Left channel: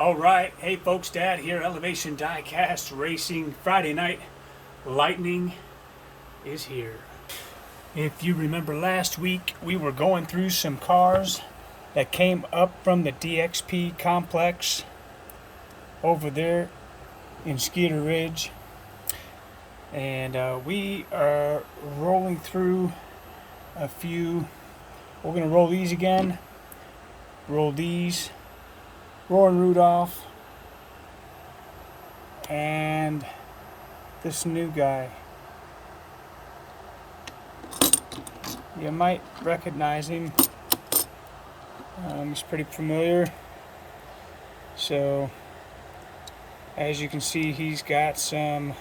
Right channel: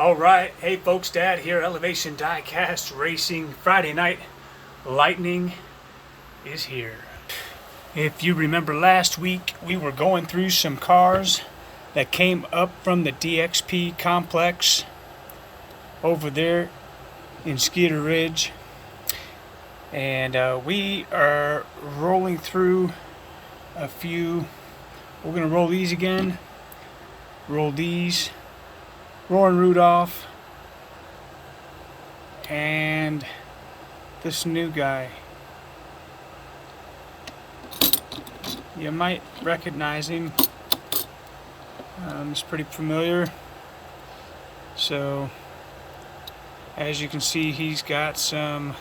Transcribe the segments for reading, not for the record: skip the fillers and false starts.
All right, hey folks, Dad here, Elevation Diecast Racing. Friday night, Lightning is here. If you remember last week, we were going through some cars that came up from the DXP complex over there in Skeeter Ridge. And we are rolling through a few. We're going to roll these again, roll these. Rowan Rudolph, and this new guy. You might recognize him. He's pretty familiar. So, as you can see, he's got some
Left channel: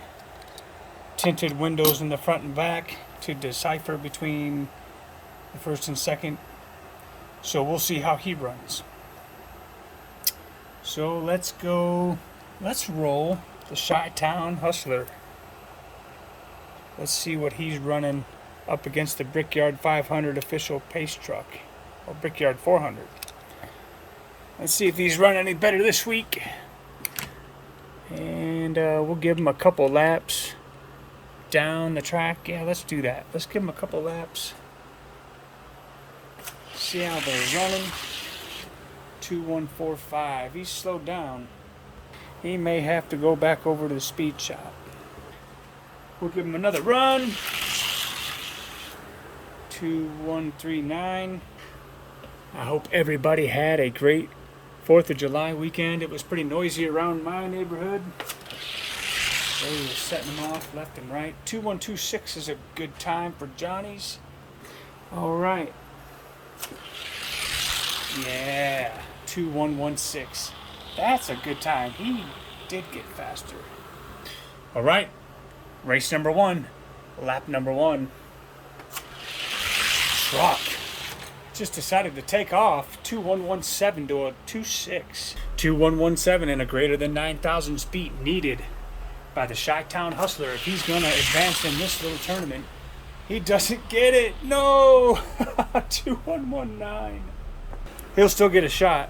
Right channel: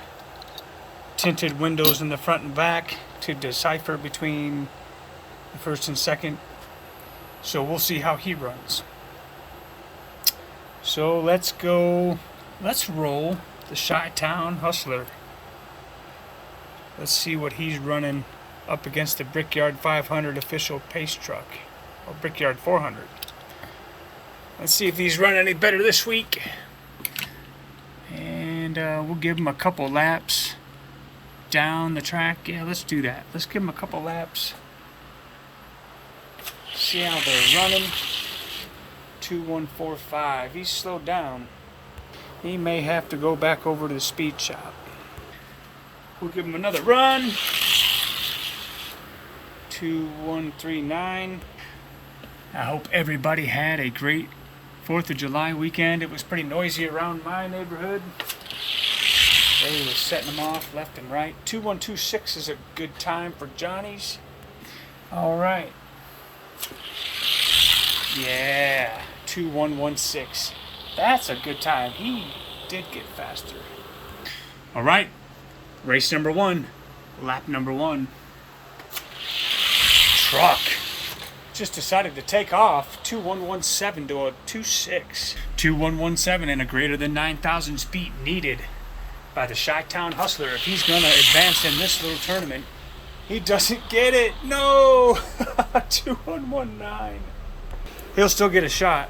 tinted windows in the front and back to decipher between the first and second. So we'll see how he runs. So let's roll the Chi-Town Hustler. Let's see what he's running up against the Brickyard 500 official pace truck, or Brickyard 400. Let's see if he's run any better this week. And we'll give him a couple laps down the track. Yeah, let's do that. Let's give him a couple laps. See how they're running. 2145. He's slowed down. He may have to go back over to the speed shop. We'll give him another run. 2139. I hope everybody had a great 4th of July weekend. It was pretty noisy around my neighborhood. They were setting them off left and right. 2126 is a good time for Johnny's. All right. Yeah, 2116. That's a good time. He did get faster. All right, race number 1, lap number 1. Truck just decided to take off. 2117 to a 26. 2117 and a greater than 9,000 feet needed by the Chi-Town Hustler if he's going to advance in this little tournament. He doesn't get it. No. 2119. He'll still get a shot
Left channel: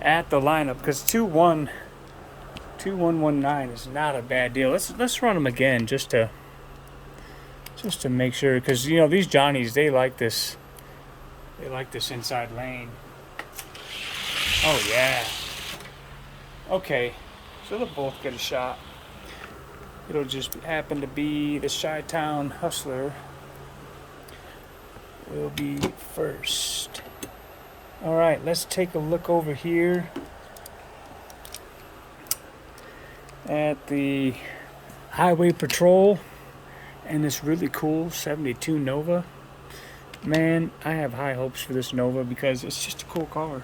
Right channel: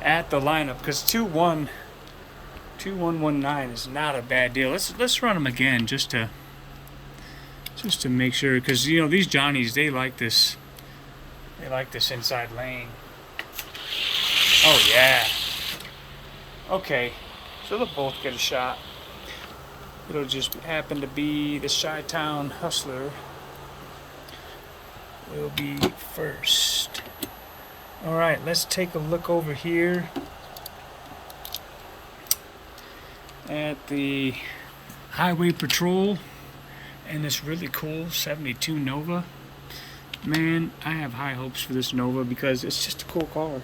at the lineup because 2119 is not a bad deal. Let's run him again just to make sure, because you know these Johnnies, they like this inside lane. Oh yeah. Okay, so they'll both get a shot. It'll just happen to be the Chi-Town Hustler will be first. All right, let's take a look over here at the Highway Patrol and this really cool 72 Nova. Man, I have high hopes for this Nova because it's just a cool car.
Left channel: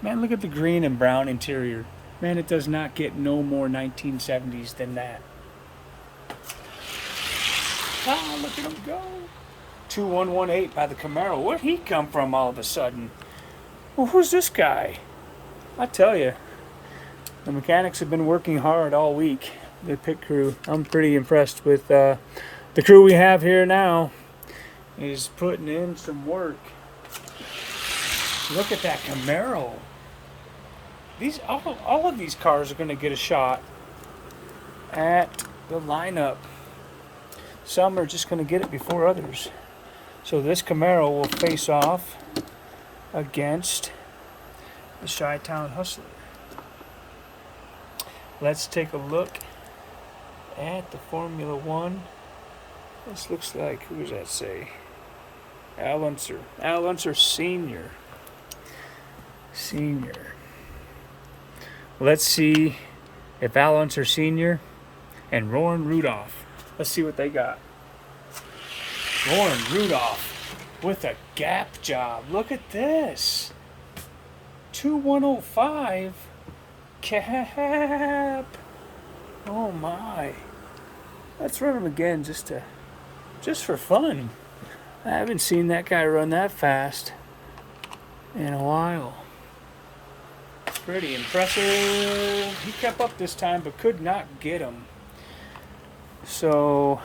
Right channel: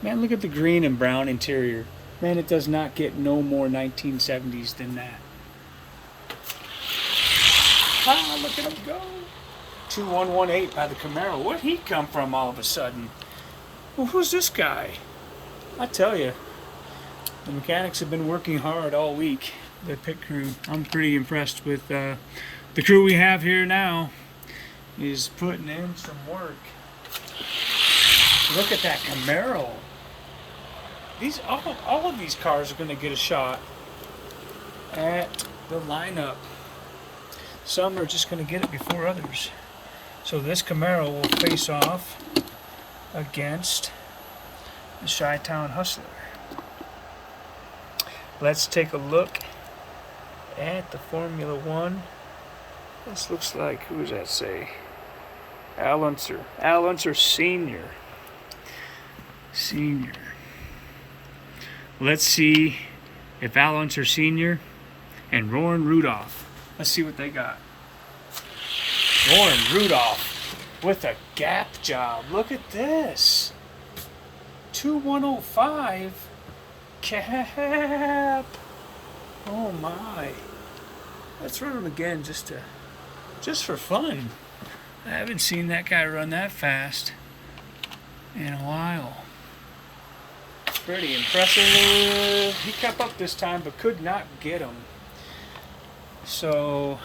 Man, look at the green and brown interior. Man, it does not get no more 1970s than that. Ah, look at him go. 2118 by the Camaro. Where'd he come from all of a sudden? Well, who's this guy? I tell you, the mechanics have been working hard all week. The pit crew. I'm pretty impressed with the crew we have here now. Is putting in some work. Look at that Camaro. All of these cars are going to get a shot at the lineup. Some are just going to get it before others. So this Camaro will face off against the Chi-Town Hustler. Let's take a look at the Formula One. This looks like, who does that say? Al Unser. Al Unser Sr. Let's see if Al Unser Sr. and Rowan Rudolph. Let's see what they got. Rowan Rudolph with a gap job. Look at this. 2105 cap. Oh my. Let's run him again just for fun. I haven't seen that guy run that fast in a while. Pretty impressive. He kept up this time but could not get him. So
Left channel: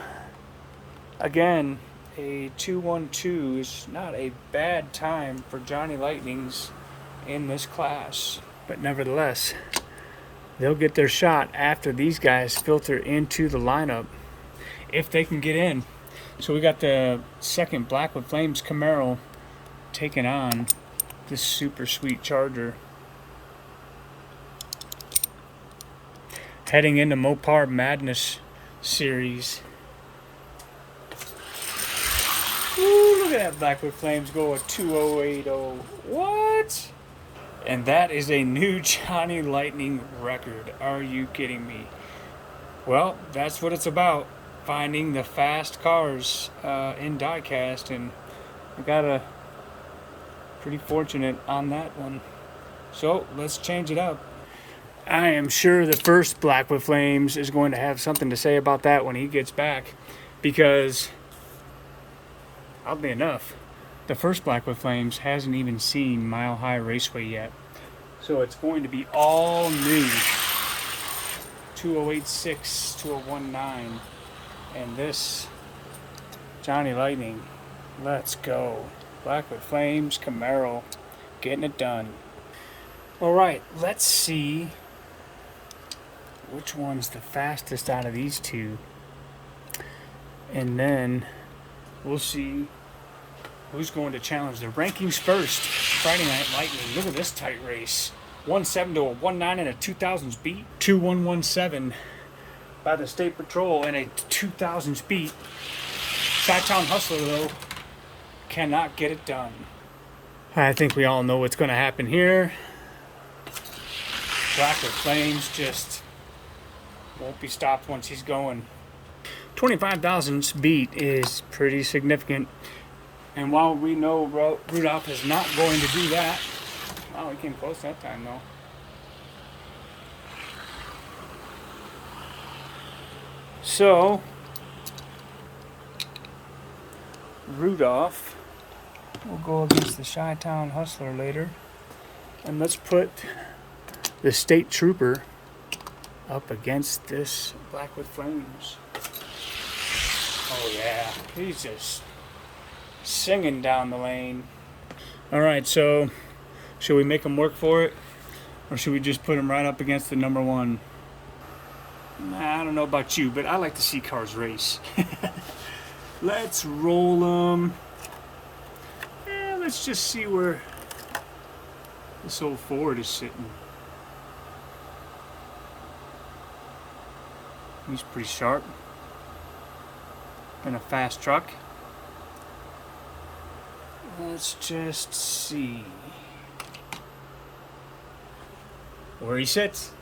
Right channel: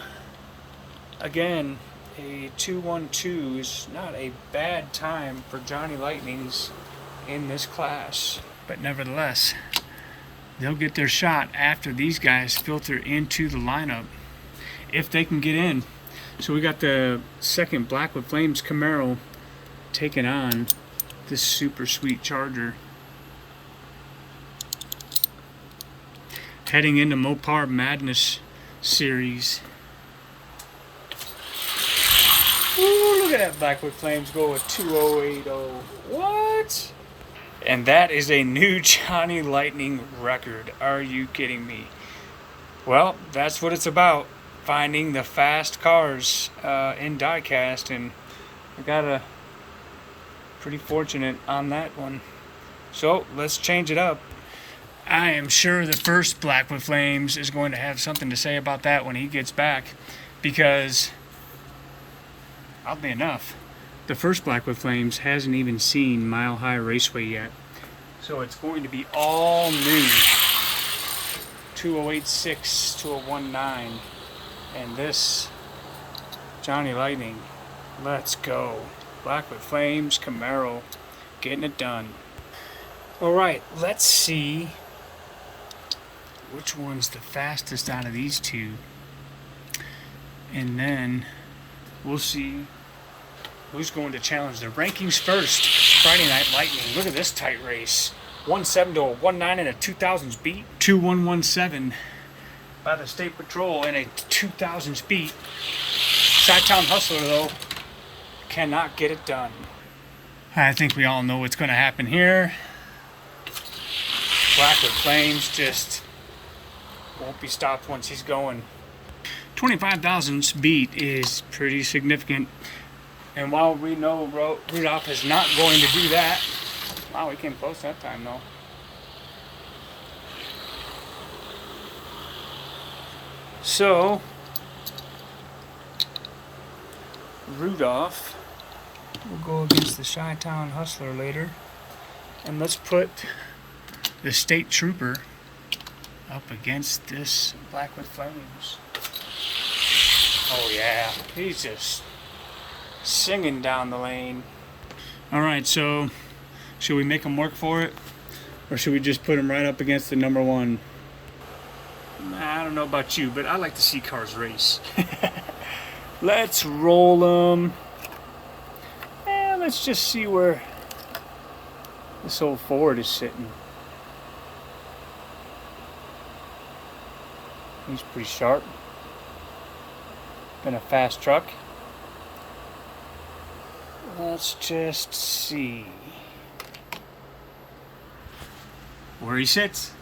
again, a 212 is not a bad time for Johnny Lightnings in this class, but nevertheless, they'll get their shot after these guys filter into the lineup, if they can get in. So we got the second Black with Flames Camaro taking on this super sweet Charger. Heading into Mopar Madness series. Ooh, look at that Black with Flames go at 2080. What? And that is a new Johnny Lightning record. Are you kidding me? Well, that's what it's about. Finding the fast cars in diecast, and I got a pretty fortunate on that one. So let's change it up. I am sure the first Black with Flames is going to have something to say about that when he gets back, because oddly enough, the first Black with Flames hasn't even seen Mile High Raceway yet. So it's going to be all new. 2086 to a 19. And this Johnny Lightning, let's go. Black with Flames Camaro, getting it done. All right, let's see which one's the fastest out of these two. And then we'll see who's going to challenge the rankings first. Friday Night Lightning. Look at this tight race. 1.7 to a 1.9 in a 2000s beat. 2.117 by the State Patrol in a 2000s beat. Chi-Town Hustler, though, cannot get it done. I think we all know what's going to happen here. Black with Flames just won't be stopped once he's going. 25,000s beat is pretty significant. And while we know Rudolph is not going to do that, wow, he came close that time, though. So, Rudolph will go against the Chi-Town Hustler later. And let's put the State Trooper up against this Black with Flames. Oh yeah, he's just singing down the lane. Alright, so should we make him work for it? Or should we just put him right up against the number one? I don't know about you, but I like to see cars race. Let's roll them. Let's just see where this old Ford is sitting. He's pretty sharp. Been a fast truck. Let's just see where he sits.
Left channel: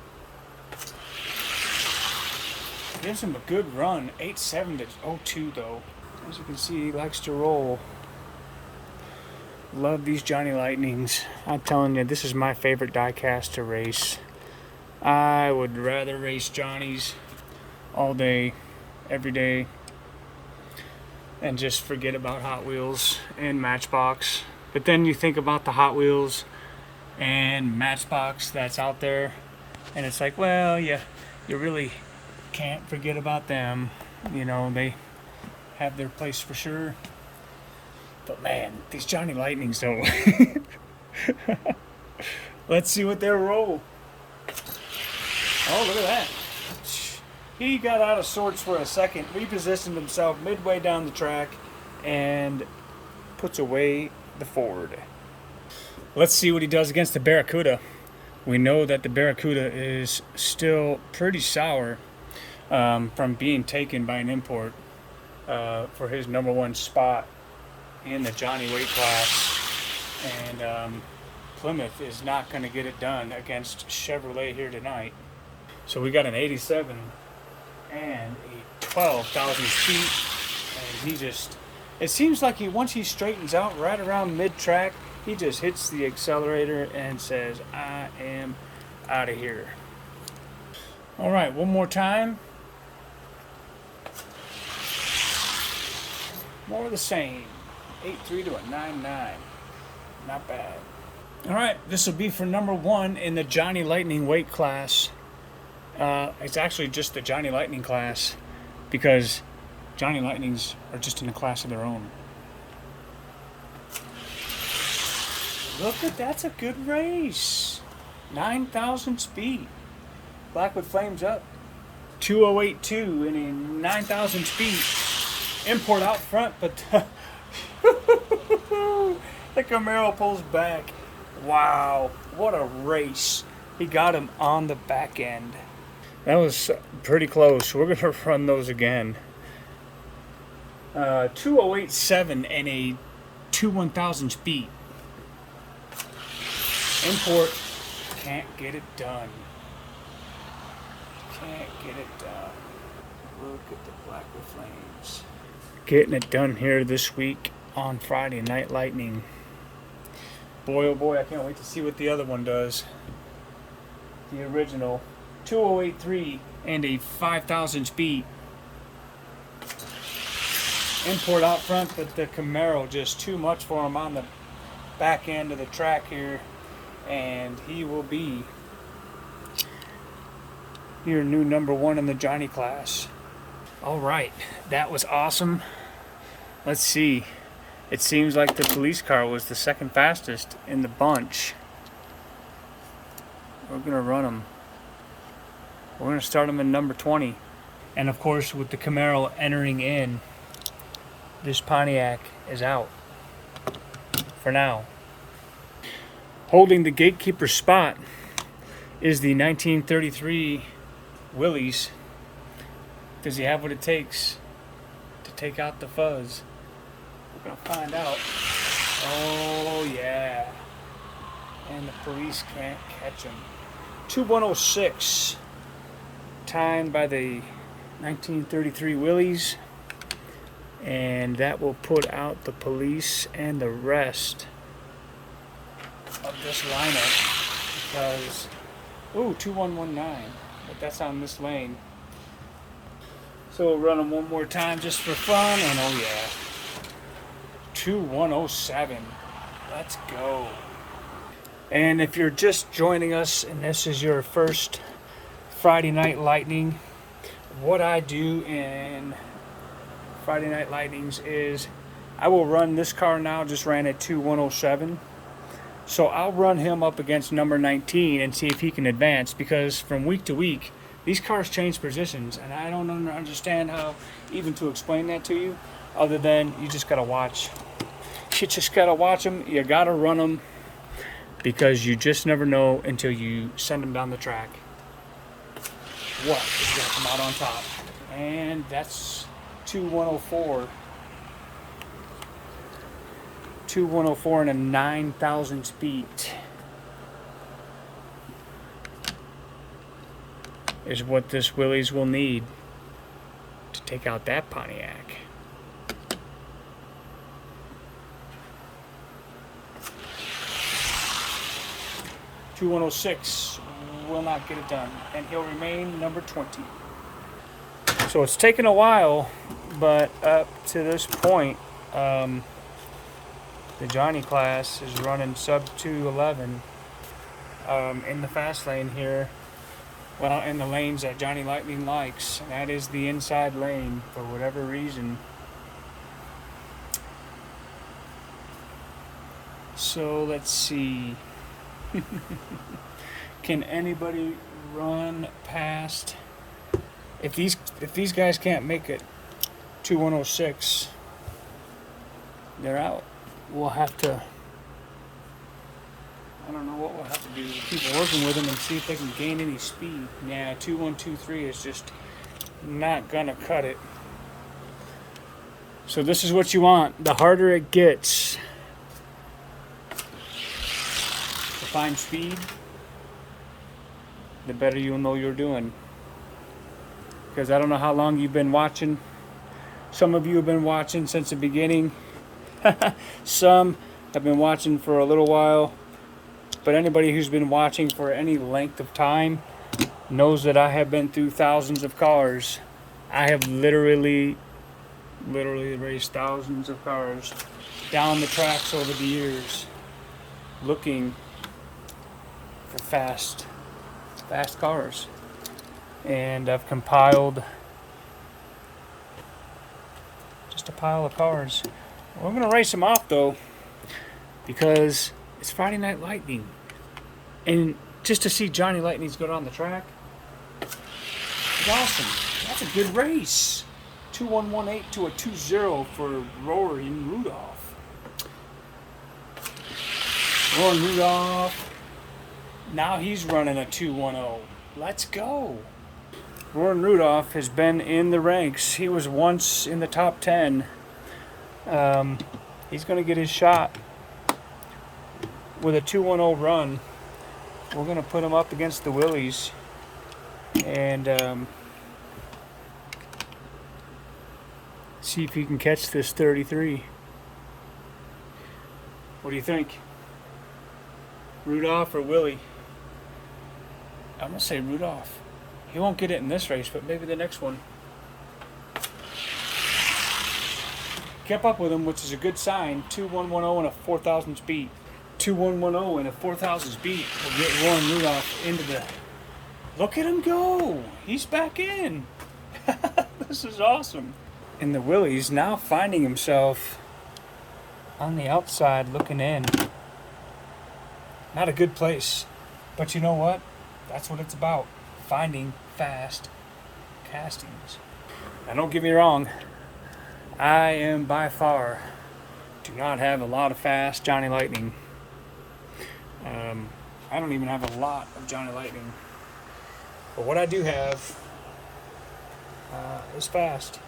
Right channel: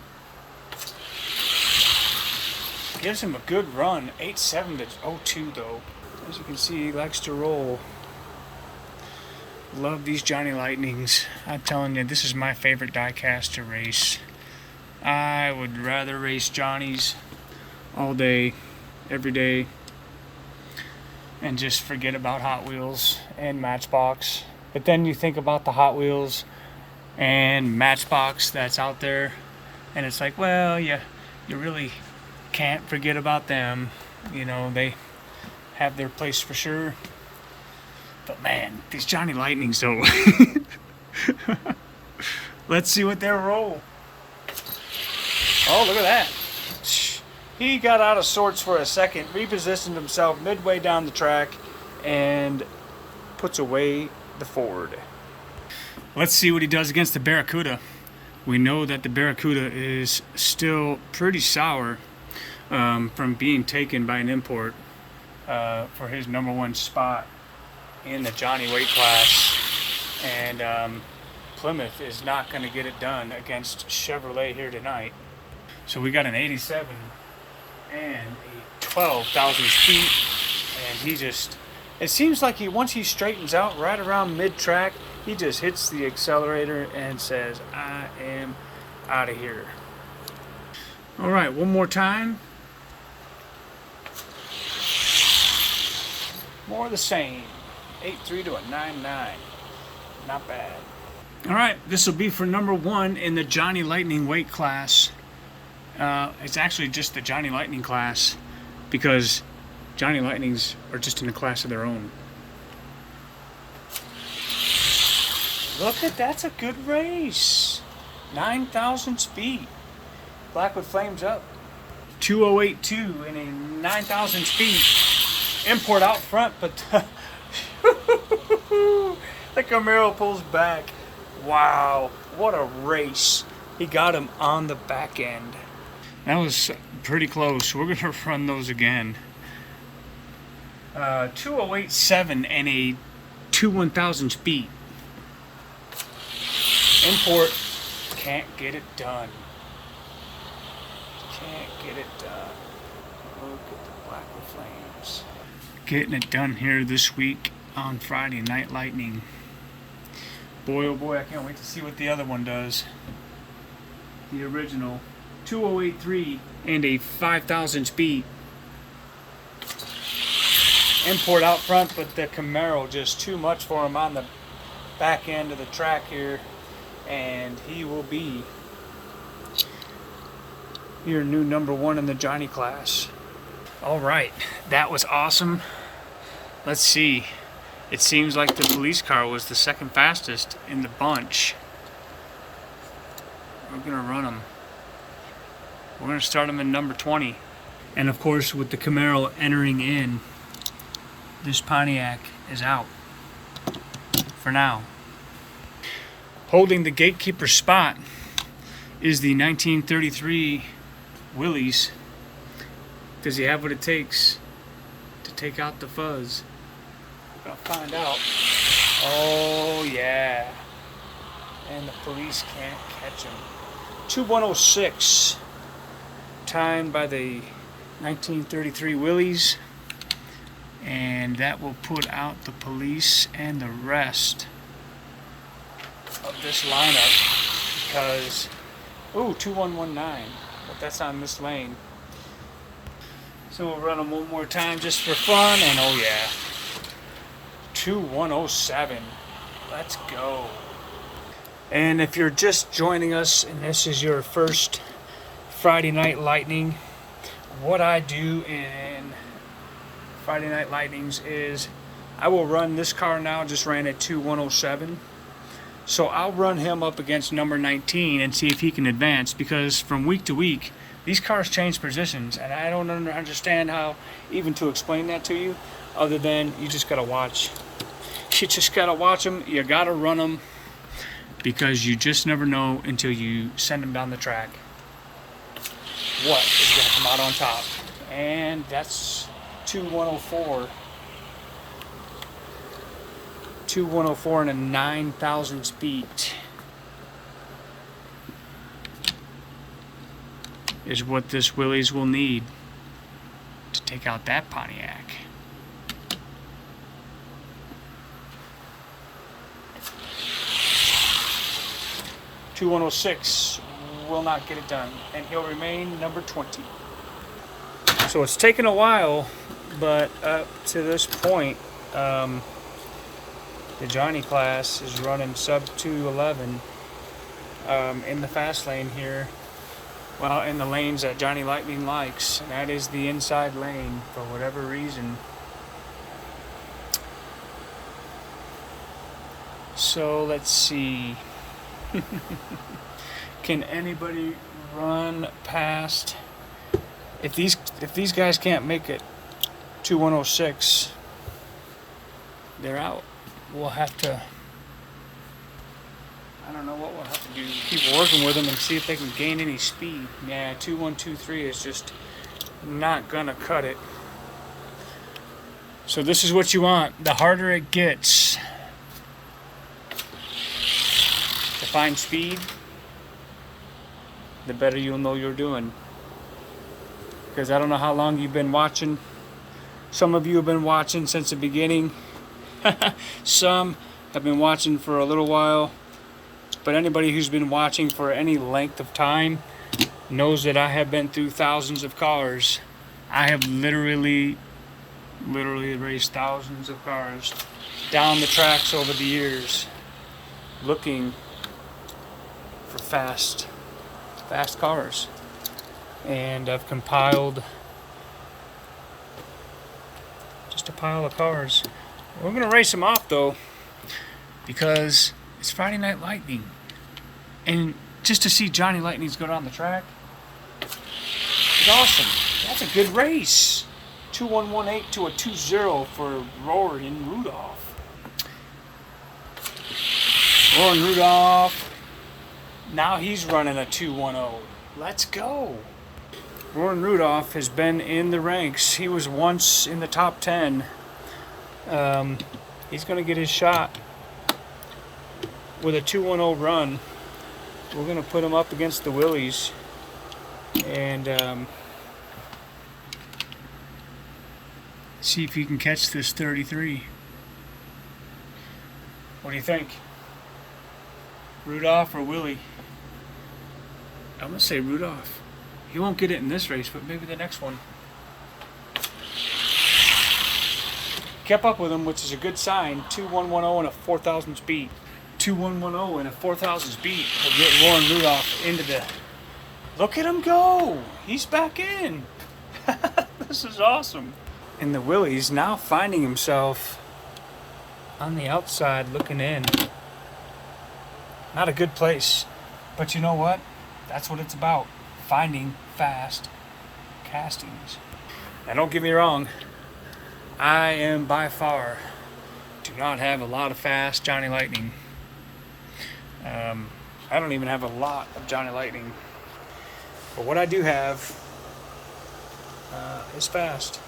Gives him a good run. 8.7 to 02 though. As you can see, he likes to roll. Love these Johnny Lightnings. I'm telling you, this is my favorite diecast to race. I would rather race Johnnies all day, every day, and just forget about Hot Wheels and Matchbox. But then you think about the Hot Wheels and Matchbox that's out there, and it's like, well, you really can't forget about them. You know, they have their place for sure. But man, these Johnny Lightnings though. Let's see what they'll roll. Oh, look at that. He got out of sorts for a second, repositioned himself midway down the track, and puts away the Ford. Let's see what he does against the Barracuda. We know that the Barracuda is still pretty sour from being taken by an import for his number one spot in the Johnny weight class. And Plymouth is not going to get it done against Chevrolet here tonight. So we got an 87 and a 12,000 feet, and he just, it seems like once he straightens out right around mid-track, he just hits the accelerator and says, I am out of here. All right, one more time. More of the same. 8.3 to a 9.9. Not bad. All right, this will be for number one in the Johnny Lightning weight class. It's actually just the Johnny Lightning class, because Johnny Lightnings are just in a class of their own. Look at, that's a good race. 9,000 speed. Blackwood Flames up. 2082 in a 9,000 speed. Import out front, but the Camaro pulls back. Wow, what a race. He got him on the back end. That was pretty close. We're going to run those again. 2087 and a 1000 speed. Import can't get it done. Can't get it done. Look at the Blackwood Flames. Getting it done here this week on Friday Night Lightning. Boy, oh boy, I can't wait to see what the other one does. The original. 2083 and a 5,000 speed. Import out front, but the Camaro just too much for him on the back end of the track here. And he will be your new #1 in the Ghtn class. All right, that was awesome. Let's see. It seems like the police car was the second fastest in the bunch. We're gonna run them. We're gonna start them in #20. And of course, with the Camaro entering in, this Pontiac is out for now. Holding the gatekeeper spot is the 1933 Willys. Does he have what it takes to take out the fuzz? We're gonna find out. Oh yeah. And the police can't catch him. 2106. Timed by the 1933 Willys. And that will put out the police and the rest of this lineup because, ooh, 2119, but that's on this lane. So we'll run them one more time just for fun, and oh yeah, 2107, let's go. And if you're just joining us and this is your first Friday Night Lightning, what I do in Friday Night Lightnings is I will run this car now, just ran at 2107. So I'll run him up against number 19 and see if he can advance, because from week to week, these cars change positions, and I don't understand how even to explain that to you, other than you just got to watch. You just got to watch them. You got to run them, because you just never know until you send them down the track what is going to come out on top. And that's 2104. 2104 and a 9,000 speed is what this Willys will need to take out that Pontiac. (2106) will not get it done, and he'll remain number 20. So it's taken a while, but up to this point, the Ghtn class is running sub 211 in the fast lane here. Well, in the lanes that Ghtn Lightning likes, and that is the inside lane for whatever reason. So let's see. Can anybody run past? If these guys can't make it 2106, they're out. We'll have to, I don't know what we'll have to do. Keep working with them and see if they can gain any speed. Yeah, 2123 is just not gonna cut it. So this is what you want. The harder it gets to find speed, the better you'll know you're doing. Because I don't know how long you've been watching. Some of you have been watching since the beginning. Some have been watching for a little while. But anybody who's been watching for any length of time knows that I have been through thousands of cars. I have literally raced thousands of cars down the tracks over the years, looking for fast cars. And I've compiled just a pile of cars. We're going to race them off, though, because it's Friday Night Lightning. And just to see Ghtn Lightnings go down the track, It's awesome. That's a good race. 2118 to a 2-0 for Roaring Rudolph. Roaring Rudolph. Now he's running a 210. Let's go. Roaring Rudolph has been in the ranks. He was once in the top 10. He's going to get his shot with a 210 run. We're going to put him up against the Willies. And see if he can catch this 33. What do you think? Rudolph or Willie? I'm going to say Rudolph. He won't get it in this race, but maybe the next one. Kept up with him, which is a good sign. 2110 and a 4,000 speed. 2110 and a 4,000 speed will get Roaring Rudolph into the... Look at him go! He's back in! This is awesome. And the Willie's now finding himself on the outside looking in. Not a good place. But you know what? That's what it's about. Finding fast castings. Now don't get me wrong. I am by far do not have a lot of fast Johnny Lightning. I don't even have a lot of Johnny Lightning. But what I do have is fast.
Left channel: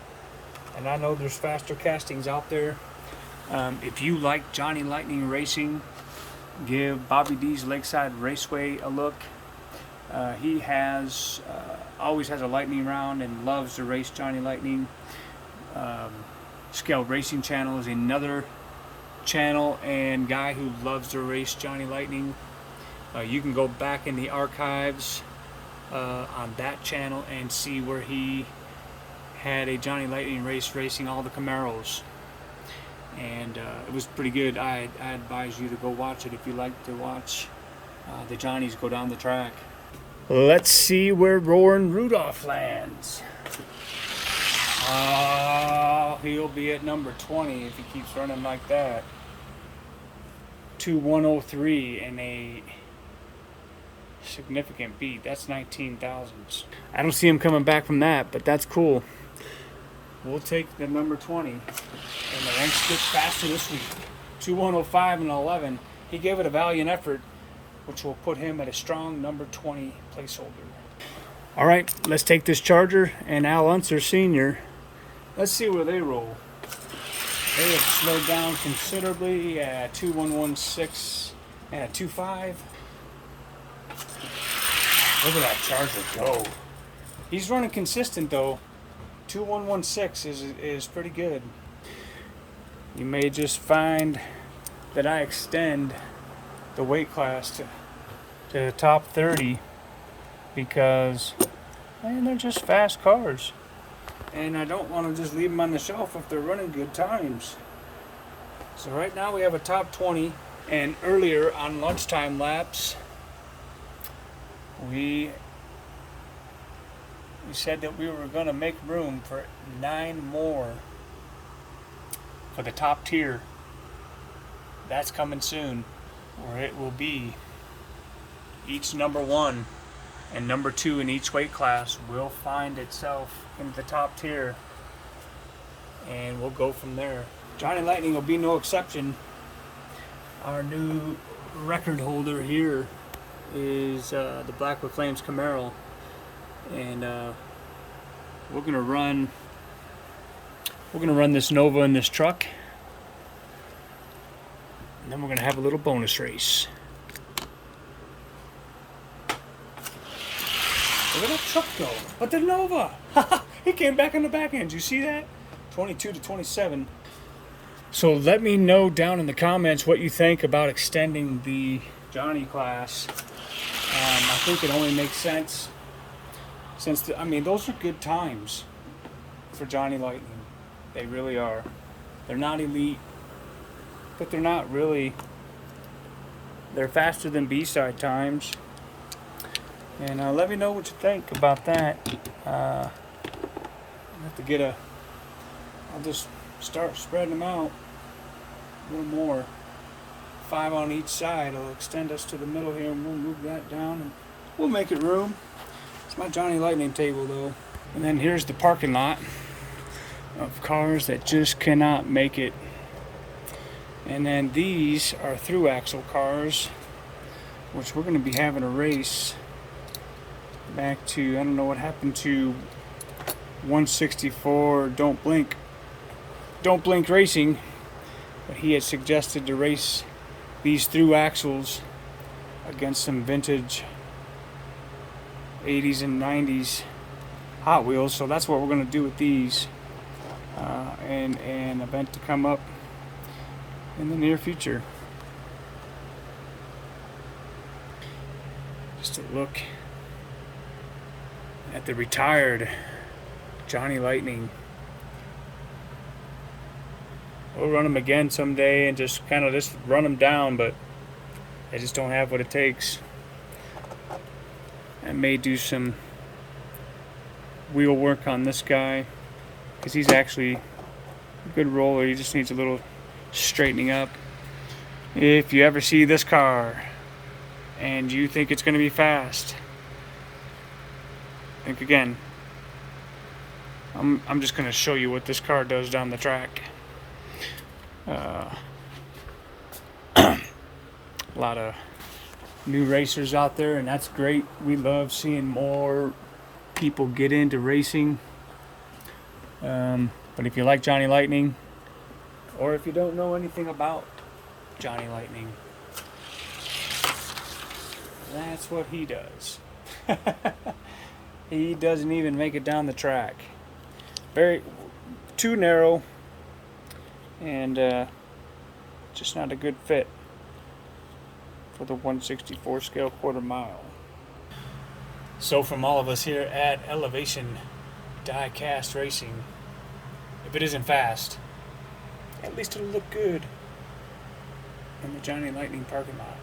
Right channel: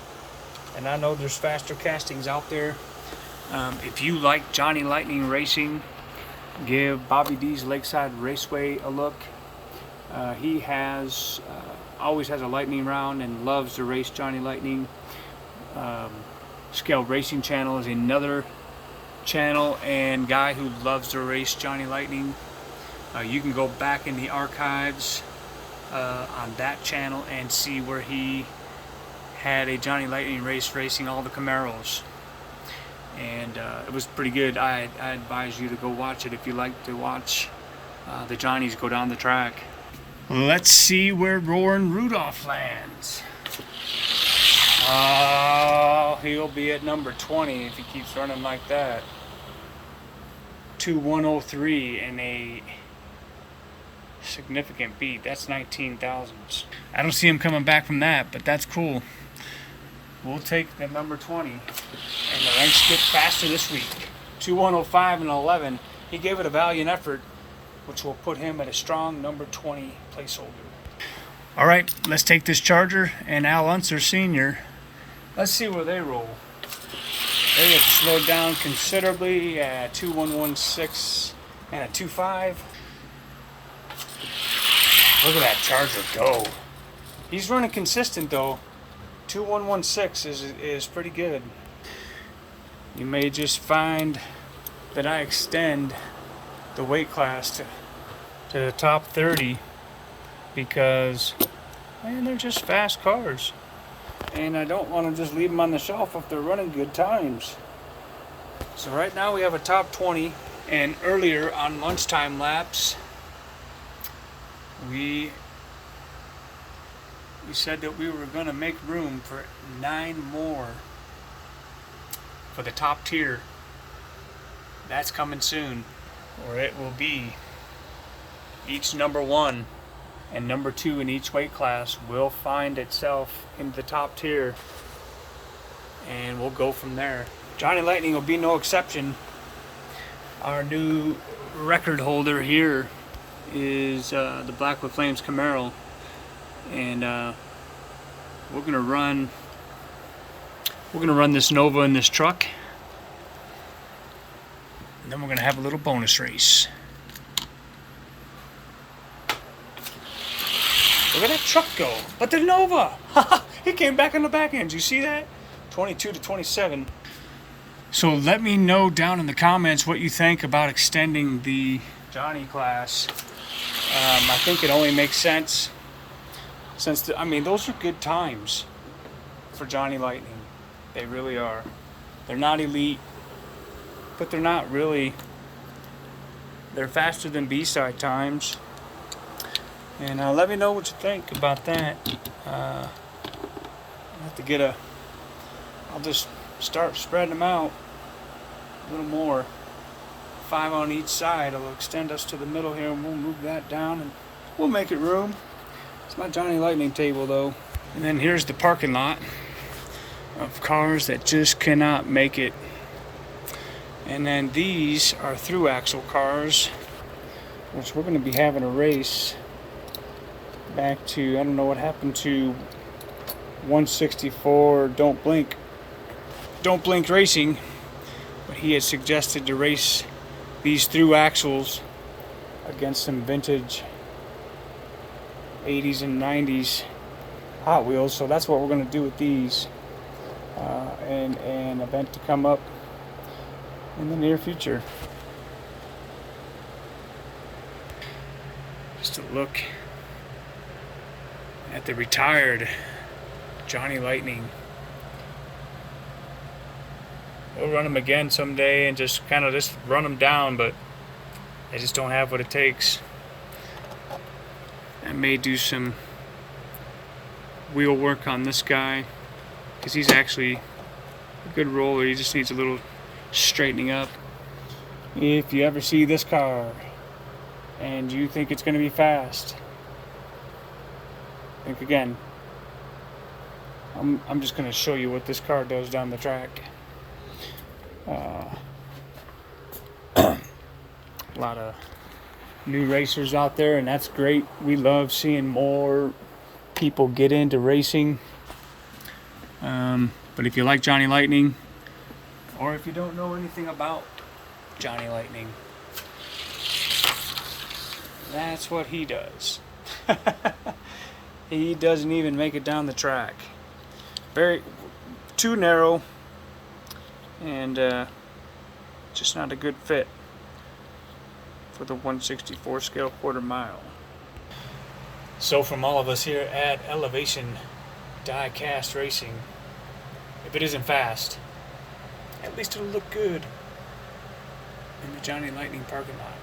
And I know there's faster castings out there. If you like Johnny Lightning racing, give Bobby D's Lakeside Raceway a look. He has always has a lightning round and loves to race Johnny Lightning. Scaled Racing Channel is another channel and guy who loves to race Johnny Lightning. You can go back in the archives on that channel and see where he had a Johnny Lightning race racing all the Camaros, and it was pretty good. I advise you to go watch it if you like to watch the Johnnies go down the track. Let's see where Roaring Rudolph lands. He'll be at number 20 if he keeps running like that. 2103 and a significant beat. That's 19 thousandths. I don't see him coming back from that, but that's cool. We'll take the number 20. And the ranks get faster this week. 2105 and 11. He gave it a valiant effort, which will put him at a strong number 20 placeholder. All right, let's take this Charger and Al Unser Sr. Let's see where they roll. They have slowed down considerably at 2116 and a 25. Look at that Charger go. He's running consistent though. 2116 is pretty good. You may just find that I extend the weight class to the top 30 because, man, they're just fast cars. And I don't want to just leave them on the shelf if they're running good times. So right now we have a top 20, and earlier on lunchtime laps, we said that we were going to make room for 9 more for the top tier. That's coming soon, where it will be each number 1 and number 2 in each weight class will find itself in the top tier, and we'll go from there. Johnny Lightning will be no exception. Our new record holder here is the Black with Flames Camaro, and we're gonna run this Nova in this truck, and then we're gonna have a little bonus race. Look at that truck go. But the Nova! He came back on the back end. You see that? 22 to 27. So let me know down in the comments what you think about extending the Johnny class. I think it only makes sense since, those are good times for Johnny Lightning. They really are. They're not elite, but they're not really. They're faster than B-side times. And let me know what you think about that. I'll have to get I'll just start spreading them out a little more. 5 on each side. It'll extend us to the middle here, and we'll move that down and we'll make it room. It's my Johnny Lightning table though. And then here's the parking lot of cars that just cannot make it. And then these are through axle cars, which we're going to be having a race back to, I don't know what happened to 164 Don't Blink Racing, but he had suggested to race these through axles against some vintage 80s and 90s Hot Wheels. So that's what we're going to do with these, and an event to come up in the near future. Just a look at the retired Johnny Lightning. We'll run them again someday and just kind of just run them down, but I just don't have what it takes. I may do some wheel work on this guy because he's actually a good roller. He just needs a little straightening up. If you ever see this car and you think it's going to be fast, think again. I'm just going to show you what this car does down the track. A lot of new racers out there, and that's great. We love seeing more people get into racing. But if you like Johnny Lightning, or if you don't know anything about Johnny Lightning, that's what he does. He doesn't even make it down the track. Very too narrow, and just not a good fit for the 164 scale quarter mile. So from all of us here at Elevation Die Cast Racing, if it isn't fast, at least it'll look good in the Johnny Lightning parking lot.